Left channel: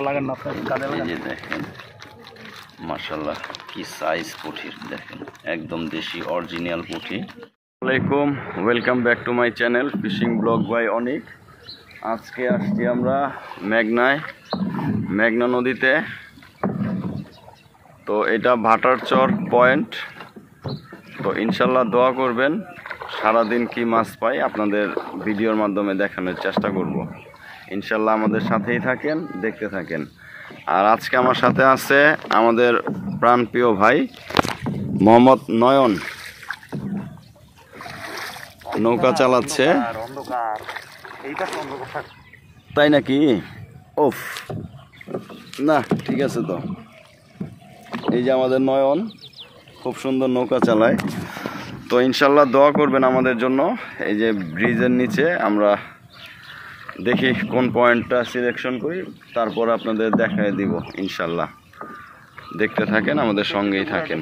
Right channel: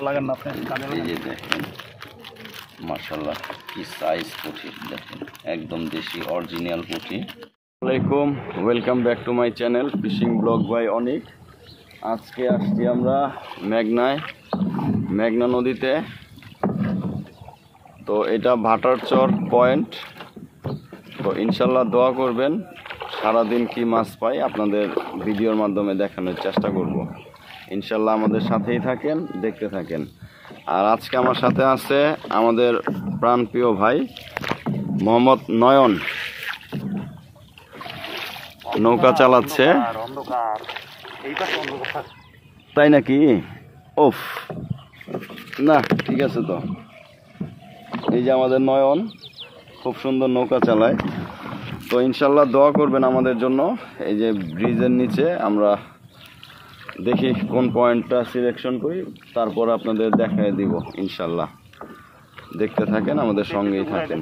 এই যে দেখেন মাশাআল্লাহ কি সাইজ পুঁটির, দেখেন একদম দেশি অরিজিনাল পুঁটি। আসসালামু আলাইকুম, welcome back to my channel fishing blog by Anik. আজকে আসছি আমরা মেঘনা নদীতে। তো এটা ভাটারচর পয়েন্ট। তো ইনশাল্লাহ দোয়া করবেন, সারাদিন কি মাছ পাই আপনাদের ভিডিওর মাধ্যমে দেখানোর চেষ্টা করব। ইনশাল্লাহ আমাদের সাথেই থাকেন, দেখতে থাকেন। আর আজকে আমার সাথে আছে আমাদের প্রাণপ্রিয় ভাই মোহাম্মদ নয়ন, নৌকা চালাচ্ছে। তাই নাকি? ওফ, না ঠিক আছে। তো এই যে আমাদের নয়ন খুব সুন্দর নৌকা চালায়। তো ইনশাল্লাহ দোয়া করবেন আমাদের জন্য। এই যে ব্রিজের নিচে আমরা দেখি কোন পয়েন্টটা সিলেকশন করি, তারপর আপনাদের দেখায় দিব ইনশাল্লাহ। দেখতে থাকেন, আমাদের সঙ্গেই থাকেন।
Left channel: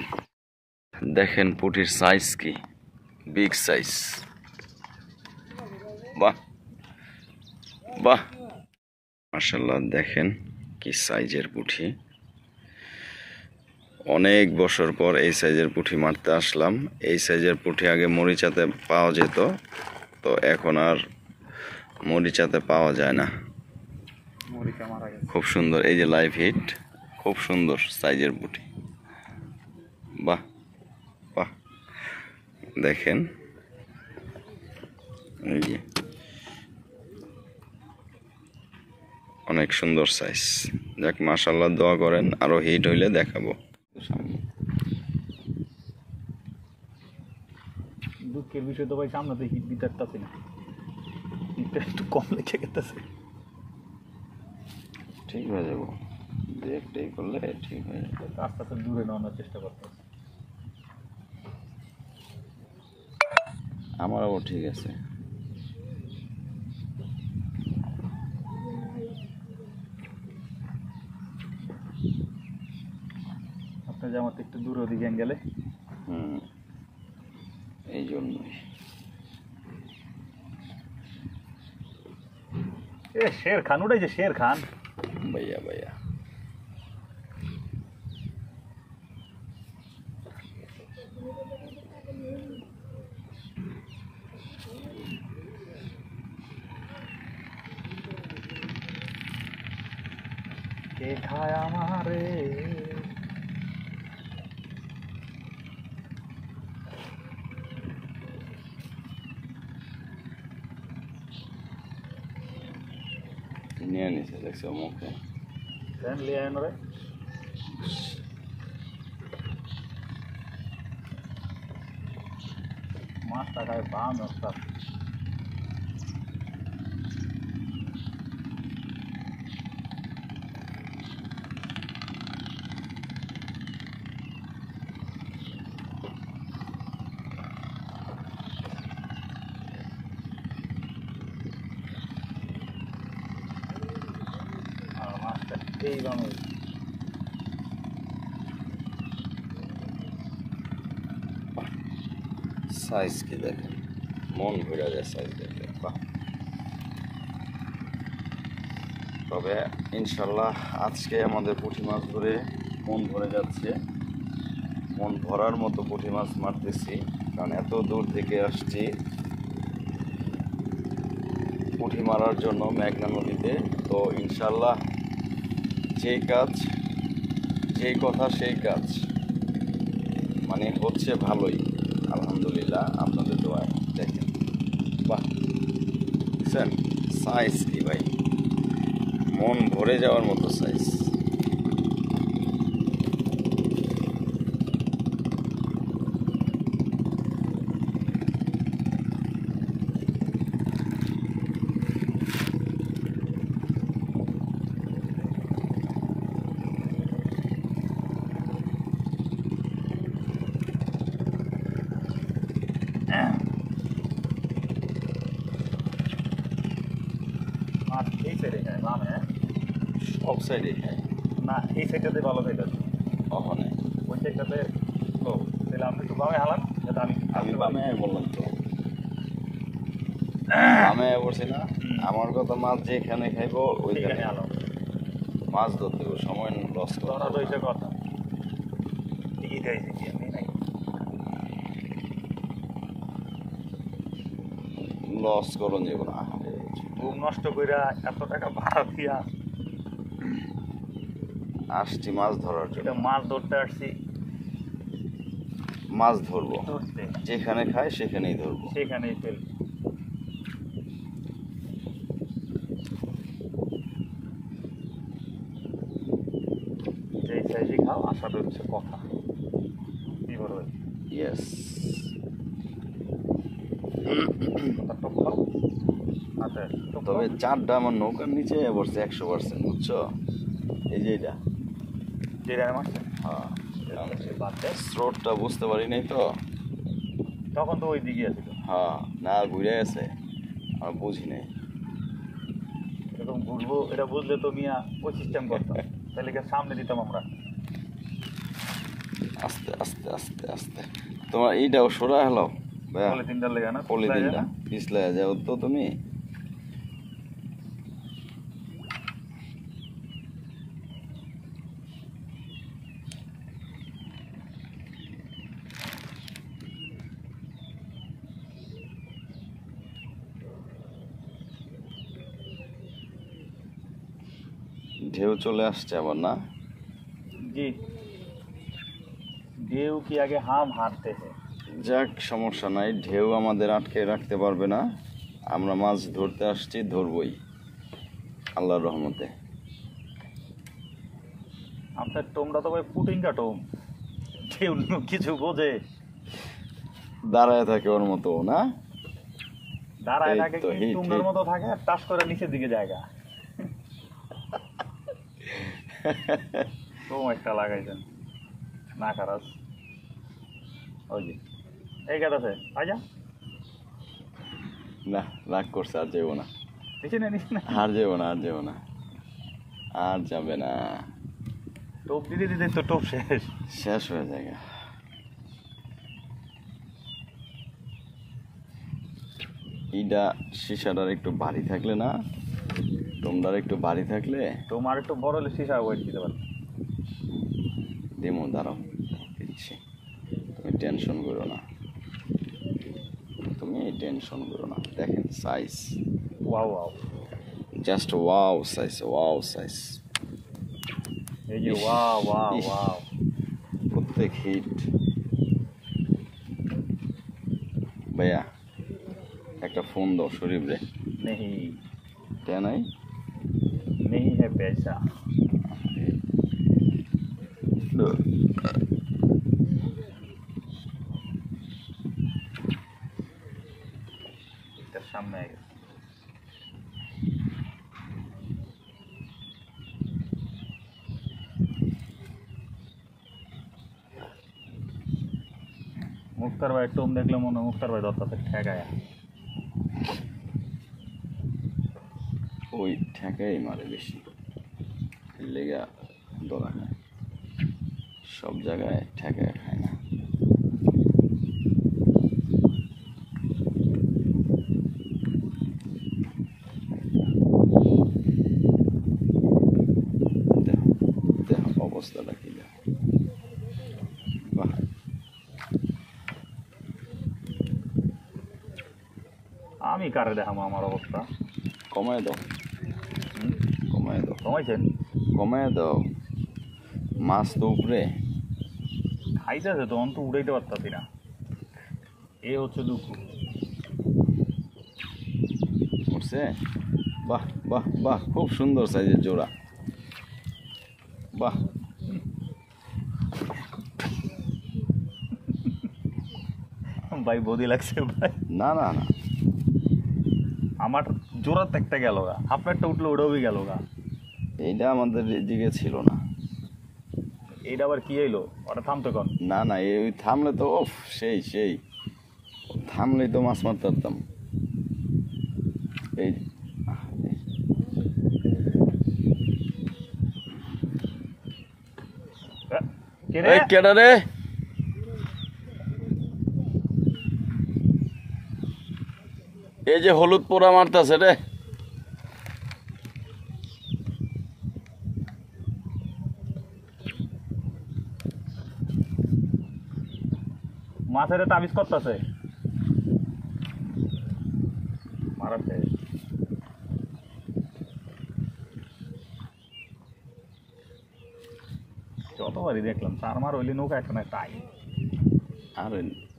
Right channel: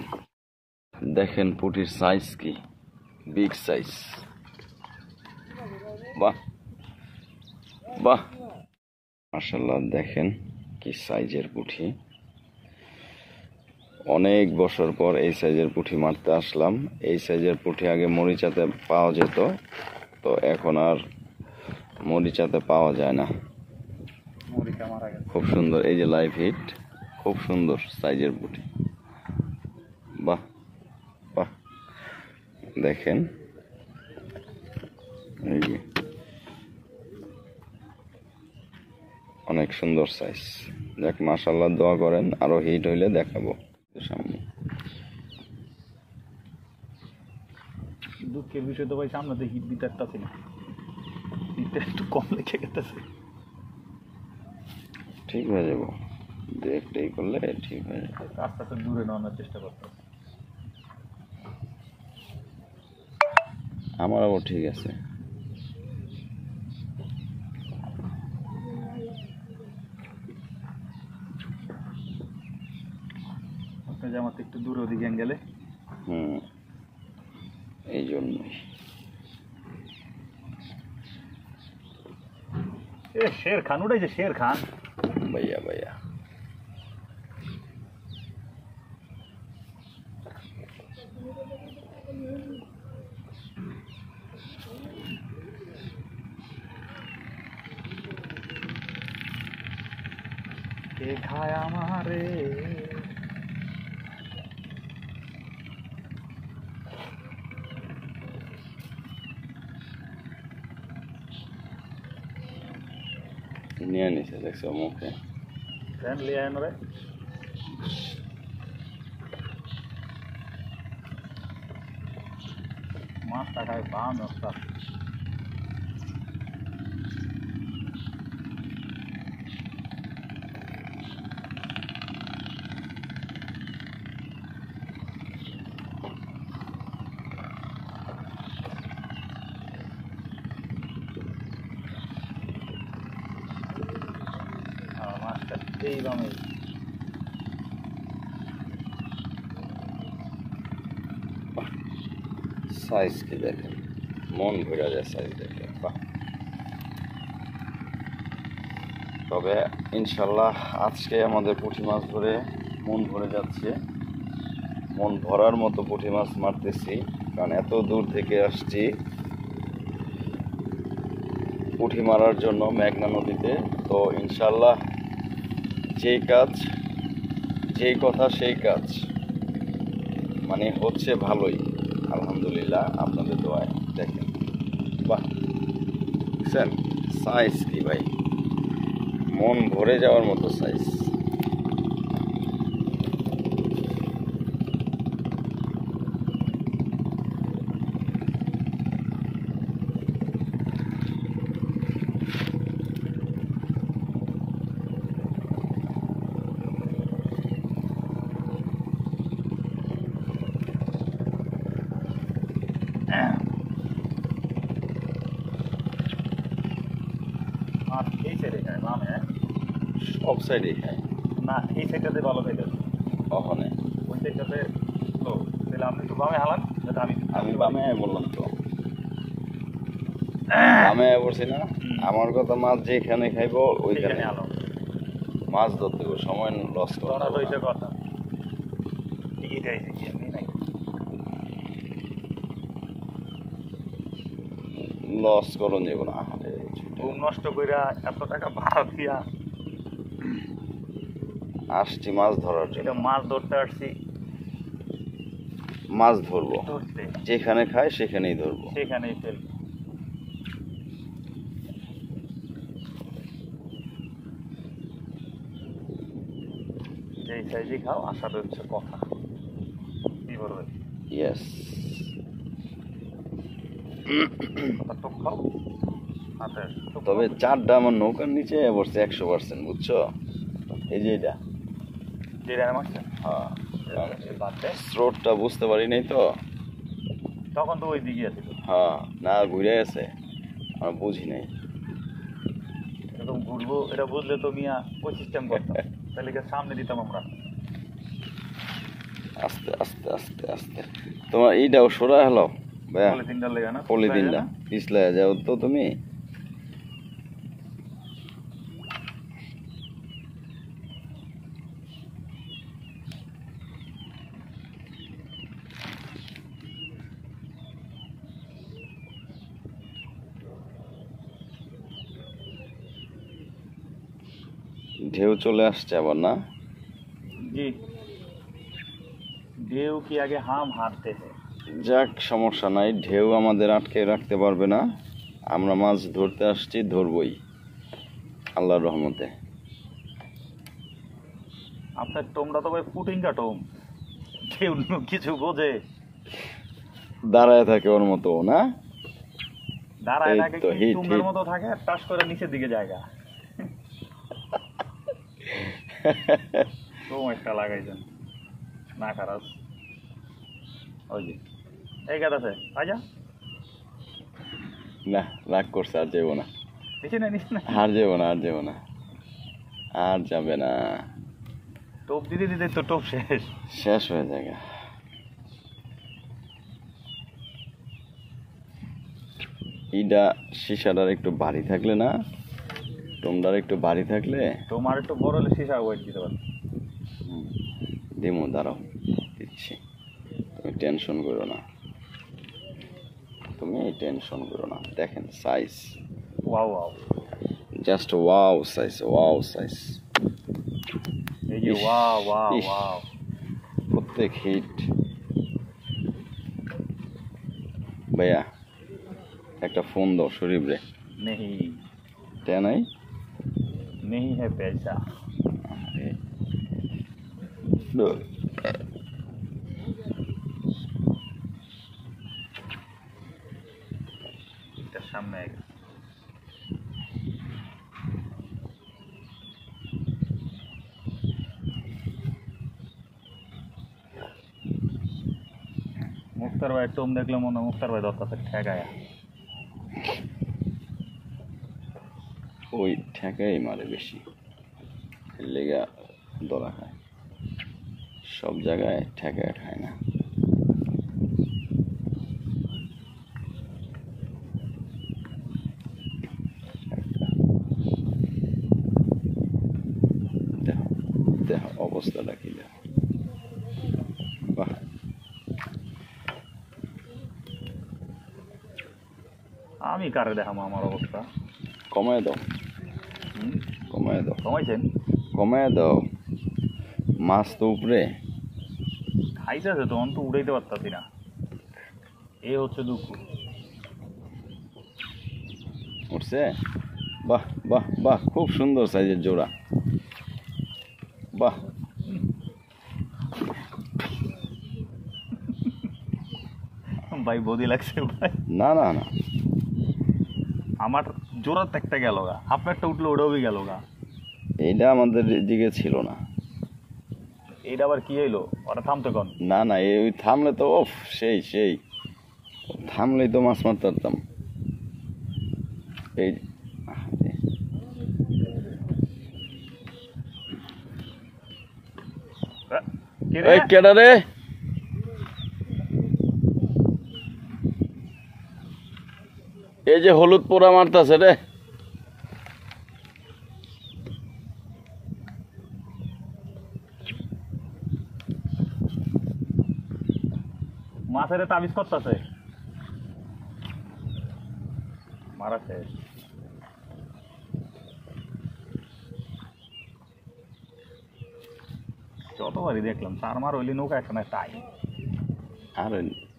দেখেন পুঁটির সাইজ কি, বিগ সাইজ। বাহ বাহ মাশাআল্লাহ, দেখেন কি সাইজের পুঁটি। অনেক বছর পর এই সাইজের পুঁটি মারতে আসলাম। এই সাইজের পুঁটি আগে মরিচাতে পাওয়া যেত, তো এখন আর মরিচাতে পাওয়া যায় না। খুব সুন্দর, এই যে লাইভ হিট, খুব সুন্দর সাইজের পুঁটি। বাহ বাহ, দেখেন এই যে অনেক সুন্দর সাইজ। দেখ মাশাআল্লাহ, দোয়া করেন আরো হিট হইলে দেখাবো সামনে। দুঃখের বিষয় তো ভাই, সামনে হিট বিটারটা ছিল, হিটটা একটু কম লেগে গেছে। ঠিক হয়ে যাবো, দেখতেই করলে ঠিক হয়ে যাবে। আস্তে আস্তে দূরে নেওয়ার চেষ্টা করতে হবে। আমারও ঠিক আছে। আপনার যেমন একটু দূরে ওদিকে গেলে এই জন্যই। শের খান উঠেছে, শের খান ভাইয়া ভাইয়া। কে খায় আমারে, নিয়ে নিছে, দেখছো মুখে ফ্যান লিয়ে আয় রে। মাছটা খায় বাম নষ্ট। মাছটা এই বামে সাইজ কি দেখেন, মন ভরে যায় সাইজ দেখে। তবে ইনশাল্লাহ আজকে আমাদের পুঁটি মাছ ধরে মন ভরে যাচ্ছে। মন ভরার মতো পুঁটি মাছ মারতেছি, কারণ এত দূর থেকে আসছি পুঁটি মারার জন্য মেঘনা নদীতে। তো ইনশাল্লাহ যেই কাজ, যেই কথা সেই কাজ, মানে হচ্ছে ভালোই আলহামদুলিল্লাহ আপনাদের দোয়ায়। দেখেন বাহ, স্যার সাইজ কি ভাই, মন ভরে যাওয়ার মতো সাইজ। এই সাইডে খায় বামে, সব সাইডে খায় না এই সাইডটাতে ভালো খাইতে ওখানে, ওই সাইডটাতে লো। তাহলে আপনি একটু বামে হালান, যাতে আমি বামে বললাম তো, বামে বলছি না। আমার কথা মাছ যেখানে খাইবো ওইখানে আলো মাছ ধরতে হবে, সময় লস ধরা তো হইছে কথা টিকিট আইছে কি এমনি নাই লস করুন যাবো না। ঘুম নষ্ট কইরা এত টাকা ভাড়া দিয়া আসছি মাছ ধরার এটা জন্য, মাছ ধরতে আসছি, মাছ ধরবো, ধরতে যেখানে খাই সেখানেই ধরবো। সেখানেই ফেল। যে সাইজে খাও আশাটা হচ্ছে কথা, কি বলবে ইয়েস, কথা টক খাও। আচ্ছা টক তবে খাও। চারটা আমার নৌকার নিচে পড়ছে 100%, বুঝছো? এই যে এটা, যেটা মারছে হ্যাঁ, বাদ দেয়, স্রোতটা বুঝতে পারি নাই তো। তখন তো ওই দিকে আছে, হ্যাঁ, না ঘুরে গেছে, আমি বুঝি নাই। এরকম ঘুরবো এটা বুঝলে তো মিয়া ওই সিস্টেম করতাম, তাহলে কি সামনে দিতাম আমরা। আস্তে আস্তে আস্তে আস্তে, তোমার এইটাও সরা হলো ভাইয়া, পলিথিনটা লেগে না, পলিথিনটা পিছলে যাও তো তুমি। ঢেউ চলে আসছে আবার না? জি ঢেউ কি আগে হাম হাঁটতেছে, যাক, সমস্যা নাই, ঢেউ আমাদের আটকে রাখতে পারবে না। আমরা মাছ ধরতে আসছি, ধরবই আল্লাহর রহমতে। আপনার টোমটা তো ভাই পুটিংটা টোম, ঢেউ কিছু বোঝে, দাঁড়ায় থাকে ওর মতো না, দাঁড়ায় এই থাকে তো, কি হিট, টুঙ্গার হিট। মতো থাকে আর টাস করে নিচের দিকে জায়গা। টোম একটা লাগাইছেন না খারাপ, ওই যে এই গাছ আছে আজা, না রাগ করছে, আর যাবো না, নিচে না নিচে না, আর যাবো না, আর যাবো না, আর যাবে না, টোপ দিতে দিতে তো টোপ শেষ। শেষ হয়ে যায়। ইটা সিসাটার একটু বাড়ি থাকলে না, তোমরার একটু বাড়ি থাকলে তোমার একটু বড় হলে সীসা ওয়েট দিতে পারবে। দিমো, দাঁড়াও দিচ্ছি, তুমি টেনশন করো না, তুমি টেনশন করো না। দেখেন size, wow wow, just wow size, wow size, এই যে ইস, ওয়াও ওয়াও ইস। ওয়াও, প্রত্যেক হিট। ভাইয়া একটা ফোন দাও শরীফ রে, नहीं তে নাই, नहीं है पैसा। এটার সামনে আগে মুক্তার ভাই টোম দেখলে মনে হয় মুক্তার ভাই দত্তাতে ঠেকায়। ওই ঠেকাই মারে বেশি, লেগা দলা খায়, সব জায়গায় ঠেকায় খায় না। দেখো দেখো অবস্থাটা কি, দেখো, বাহ, আমি কারে দেখাবো আমার অবস্থা? কমায় দাও, হুম? কমায় দাও, কমাইছেন? কমায় দাও, মাছ তো উপরে। খাইতেছে তো অন্ত উড়াইতে পারতাছি না, এ হচ্ছে দুঃখ। উঠছে, বাহ বাহ বাহ, খুব সুন্দর সাইজের জোড়া, বাহ। ভাই বদি লাগছে ভাই, না না না, আমার জোরার একটা গেল গা, আপনারটা উঠলো ওটাও গেল গা। এইটা আমাদের দিকে ছিল না। এইটা আবার কি হইলো? ওটা থামতে কন। না না, এই থামলে তো ওফ, সেই সেই, থামলেই তো মাছ মারতে পারতাম। এই কে রে? এই কেডা রে? এই যে হলুদ পোড়া মারতাছে রে। মাছের তাবিজ করতেছে মারা শেষ যতবারই দেখলাম 4 মার হইলে নৌকা একটা না তাই আর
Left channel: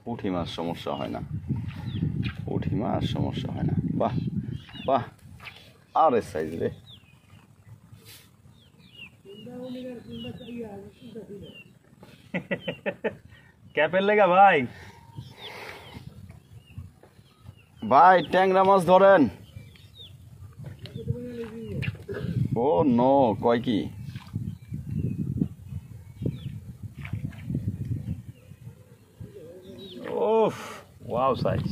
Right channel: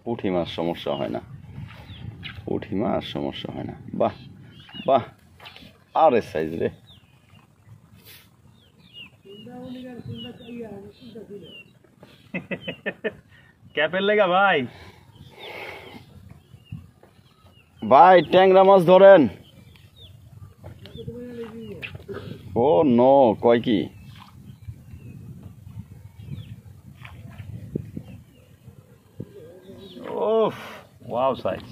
পুঁটি মাছ সমস্যা হয় না, পুঁটি মাছ সমস্যা হয় না। বাহ বাহ, আরে সাইজ রে। ক্যাপের লেগা ভাই ভাই ট্যাংরা মাছ ধরেন। ও নো, কয় কি? ওফ ওয়াও সাইজ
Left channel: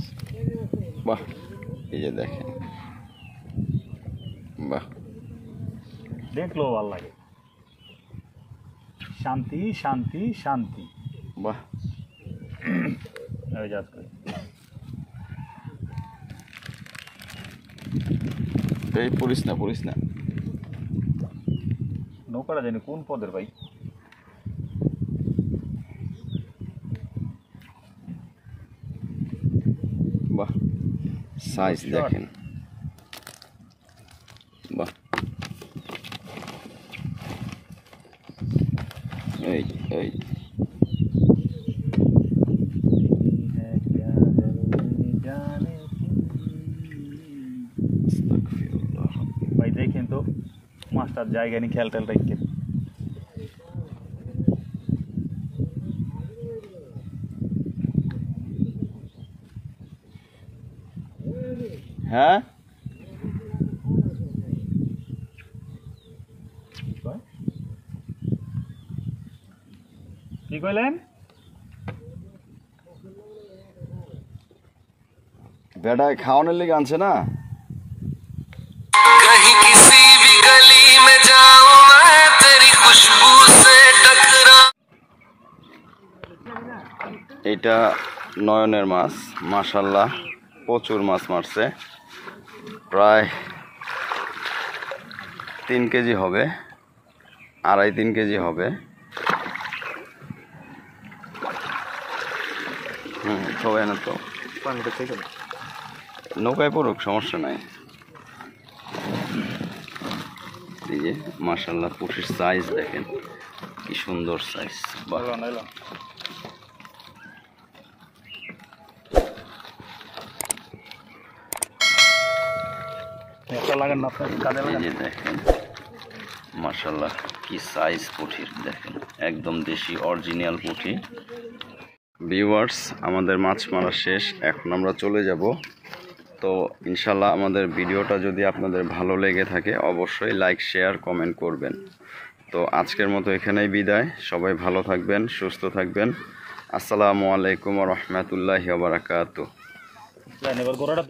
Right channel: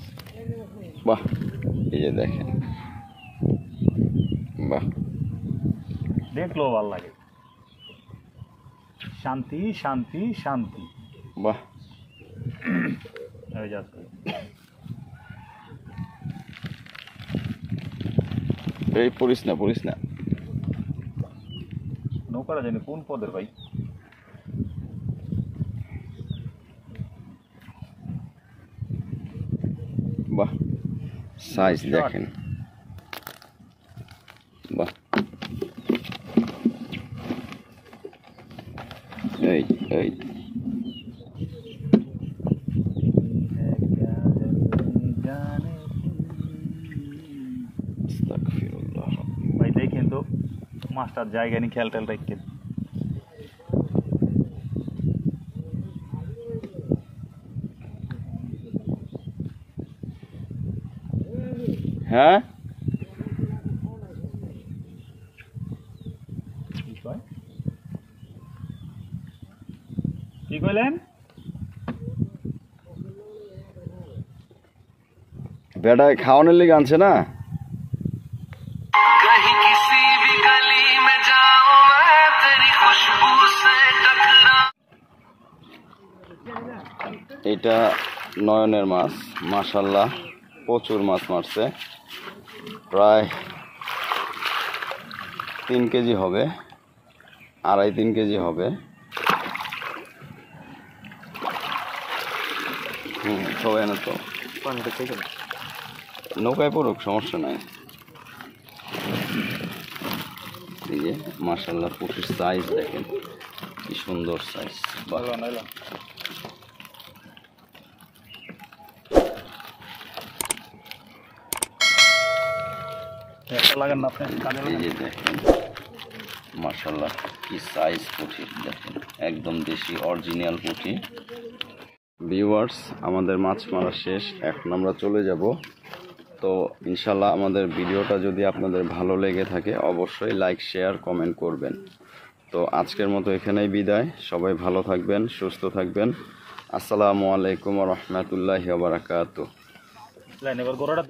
বাহ, এই যে দেখেন, বাহ দেখলো ভাল লাগে। শান্তি শান্তি শান্তি। বাহ, এই যাচ্ছে এই পড়িস না, পড়িস না। নৌকাটা জানি কোন পদের ভাই। বাহ, সাইজ দেখেন, বাহ। এই এই ভাই দেখেন তো মাস্টার জায়গা নিয়ে খেল টেল রাখেন। হ্যাঁ, কি কইলেন? বেটায় খাওয়ানোর লেগে আনছে না। कहीं किसी भी गली में जाऊं मैं तेरी खुशबू से टकरा। এটা নয়নের মাছ, মাশাল্লাহ প্রচুর মাছ মারছে, প্রায় 3 কেজি হবে, 2.5-3 কেজি হবে। সবাই না তো পানিটা থেকে নৌকায় পড়ুক, সমস্যা নাই। এই যে মাশাল্লাহ পুঁটির সাইজ দেখেন, কি সুন্দর সাইজ। বাহ, লাগান না আপনার কাজে এই লাগান। যে দেখেন মাশাল্লাহ কি সাইজ পুঁটির দেখেন, একদম দেশি অরিজিনাল পুঁটি। ভিউয়ার্স, আমাদের মাছ মারা শেষ, এখন আমরা চলে যাব। তো ইনশাল্লাহ আমাদের ভিডিওটা যদি আপনাদের ভালো লেগে থাকে অবশ্যই লাইক, শেয়ার, কমেন্ট করবেন। তো আজকের মতো এখানেই বিদায়, সবাই ভালো থাকবেন, সুস্থ থাকবেন। আসসালামু আলাইকুম ওয়া রাহমাতুল্লাহি ওয়া বারাকাতুহু। এবার গোড়াটা